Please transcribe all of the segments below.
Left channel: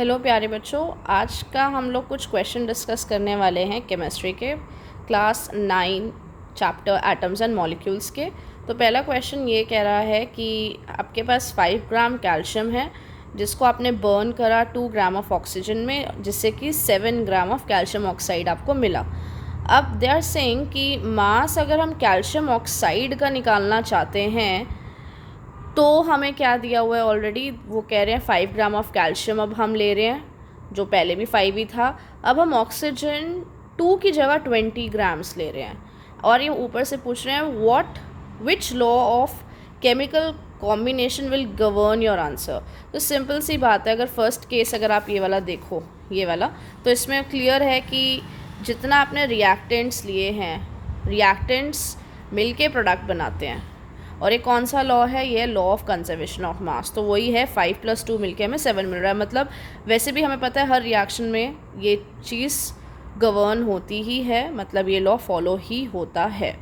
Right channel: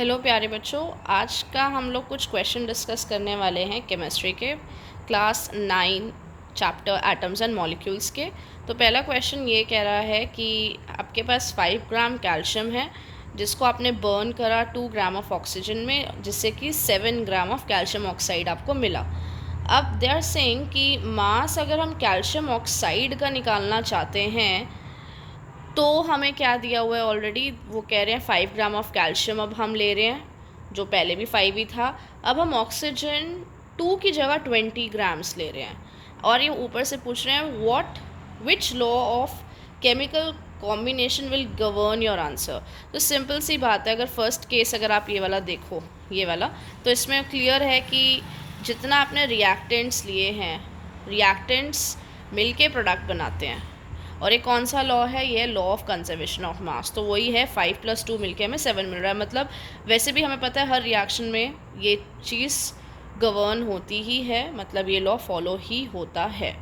Hello प्यारे बच्चों, आज का हम लोग कुछ क्वेश्चन डिस्कस करने वाले हैं केमिस्ट्री के class 9 chapter atoms and molecules के। तो पहला क्वेश्चन ये कह रहा है कि आपके पास 5 ग्राम कैल्शियम है जिसको आपने बर्न करा 2 ग्राम ऑफ ऑक्सीजन में, जिससे कि 7 ग्राम ऑफ कैल्शियम ऑक्साइड आपको मिला। अब दे आर सेइंग कि मास अगर हम कैल्शियम ऑक्साइड का निकालना चाहते हैं तो हमें क्या दिया हुआ है ऑलरेडी, वो कह रहे हैं 5 ग्राम ऑफ कैल्शियम अब हम ले रहे हैं, जो पहले भी 5 ही था। अब हम ऑक्सीजन 2 की जगह 20 ग्राम्स ले रहे हैं और ये ऊपर से पूछ रहे हैं which law of chemical combination will govern your answer. तो सिंपल सी बात है, अगर फर्स्ट केस अगर आप ये वाला देखो, ये वाला, तो इसमें क्लियर है कि जितना आपने रिएक्टेंट्स लिए हैं, रिएक्टेंट्स मिलके प्रोडक्ट बनाते हैं। और ये कौन सा लॉ है? ये law of conservation of mass. तो वही है 5 + 2 मिलके हमें 7 मिल रहा है। मतलब वैसे भी हमें पता है हर रिएक्शन में ये चीज़ गवर्न होती ही है, मतलब ये लॉ फॉलो ही होता है।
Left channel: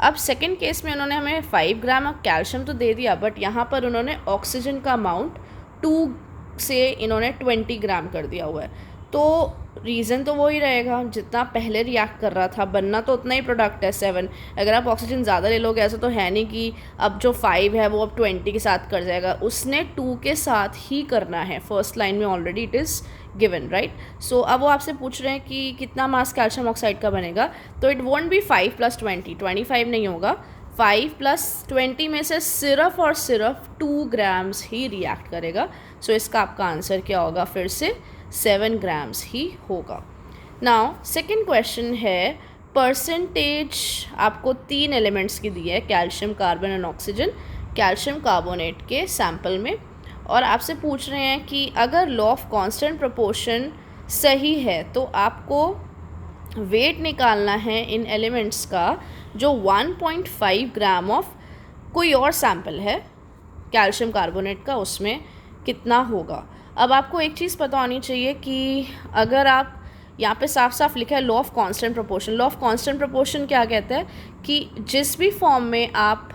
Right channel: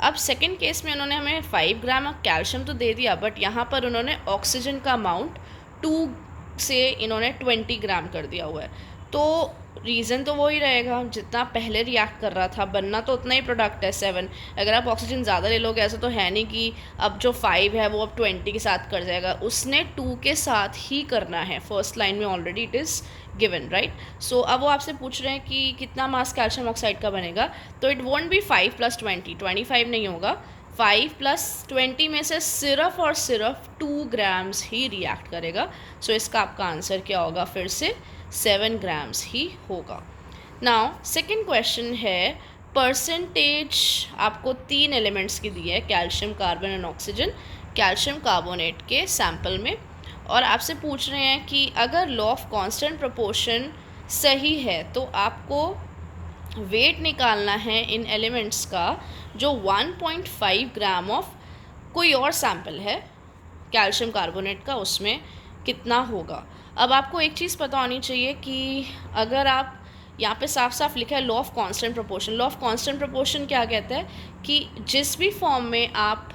अब सेकंड केस में उन्होंने हमें 5 ग्राम कैल्शियम तो दे दिया, बट यहाँ पर उन्होंने ऑक्सीजन का अमाउंट 2 से इन्होंने 20 ग्राम कर दिया हुआ है। तो रीज़न तो वही रहेगा, जितना पहले रिएक्ट कर रहा था बनना तो उतना ही प्रोडक्ट है 7। अगर आप ऑक्सीजन ज़्यादा ले लोगे, ऐसा तो है नहीं कि अब जो 5 है वो अब 20 के साथ कर जाएगा, उसने 2 के साथ ही करना है। फर्स्ट लाइन में already it is given, right. So अब वो आपसे पूछ रहे हैं कि कितना मास कैल्शियम ऑक्साइड का बनेगा, तो इट वॉन्ट बी 5 + 20, 25 नहीं होगा। 5 + 20 में से सिर्फ और सिर्फ 2 ग्राम्स ही रिएक्ट करेगा। सो इसका आपका आंसर क्या होगा? फिर से 7 ग्राम्स ही होगा। नाउ सेकेंड क्वेश्चन है, परसेंटेज आपको 3 एलिमेंट्स की दी है, calcium, carbon and oxygen, calcium carbonate के सैंपल में, और आपसे पूछ रहे हैं कि अगर लॉ ऑफ कांस्टेंट प्रोपोर्शन सही है तो आपको वेट निकालना है इन एलिमेंट्स का जो 1.5 ग्राम ऑफ कोई और सैंपल है कैल्शियम कार्बोनेट का, उसमें कितना होगा। अब आपको एक चीज़ पता होनी चाहिए कि अगर आप यहाँ पे साफ साफ लिखा है law of constant proportion. Law of constant proportion क्या कहता है कि जिस भी फॉर्म में आप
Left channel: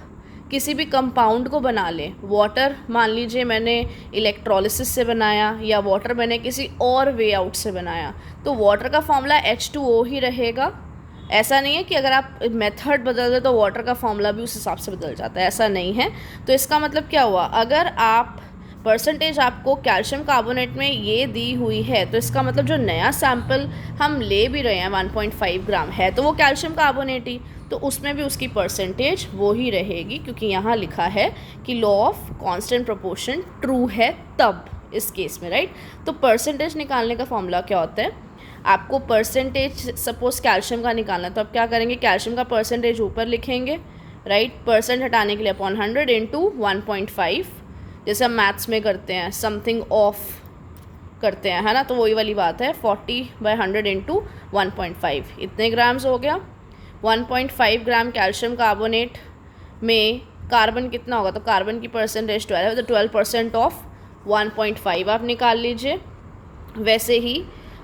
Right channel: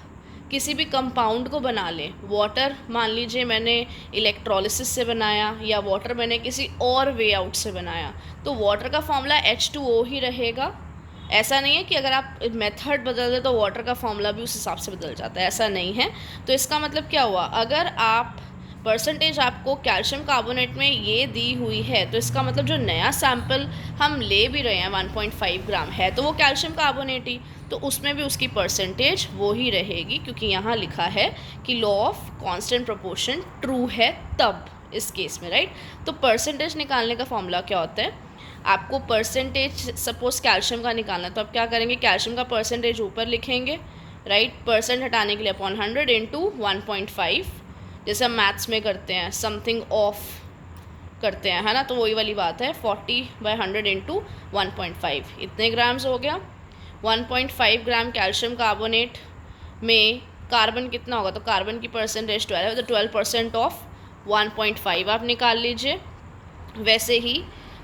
किसी भी कंपाउंड को बना लें, वाटर मान लीजिए मैंने इलेक्ट्रोलिसिस से बनाया या वाटर मैंने किसी और वे आउट से बनाया, तो वाटर का फॉर्मूला H2O ही रहेगा। ऐसा नहीं है कि अगर आप मेथड बदल दे तो वाटर का फॉर्मूला भी उस हिसाब से बदल जाता है, ऐसा नहीं है। तो इसका मतलब क्या हुआ, अगर आप परसेंटेज आपको कैल्शियम कार्बोनेट में ये दी हुई है, तो इसका मतलब जो नया सैंपल हम ले भी रहे हैं 1.5 ग्राम है तो वो कैल्शियम कार्बोनेट ही, तो उसमें भी उसकी परसेंटेज वो ही रहेगी, क्योंकि यहाँ लिखा है कि law of constant proportion true है तब इस केस में, राइट। तो परसेंटेज निकालने का फॉर्मूला क्या होता है, आपको परसेंटेज सपोज कैल्शियम का निकालना है तो आप क्या करेंगे, कैल्शियम का परसेंटेज ऊपर लिखेंगे, राइट। परसेंट हटाने के लिए अपॉन 100 इंटू 1.5, जैसे हम मैथ्स में करते हैं, समथिंग ऑफ करते हैं, है ना, तो वही वाली बात है। 40/100 इंटू 1.5 इतने ग्राम्स हो गया। 1.5 ग्राम कैल्शियम कार्बोनेट में कार्बन कितना होगा, तो कार्बन की परसेंटेज 12 है, तो 12% ऑफ 1.5 आप निकाल लीजिए। वैसे ही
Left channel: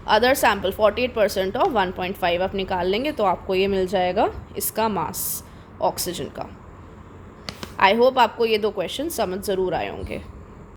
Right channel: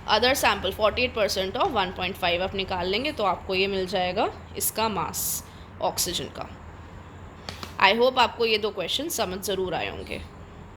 अदर सैम्पल 48% ऑफ 1.5 आप निकाल लेंगे, तो आपको ये मिल जाएगा इसका मास ऑक्सीजन का। आई होप आपको ये 2 क्वेश्चन समझ ज़रूर आए होंगे।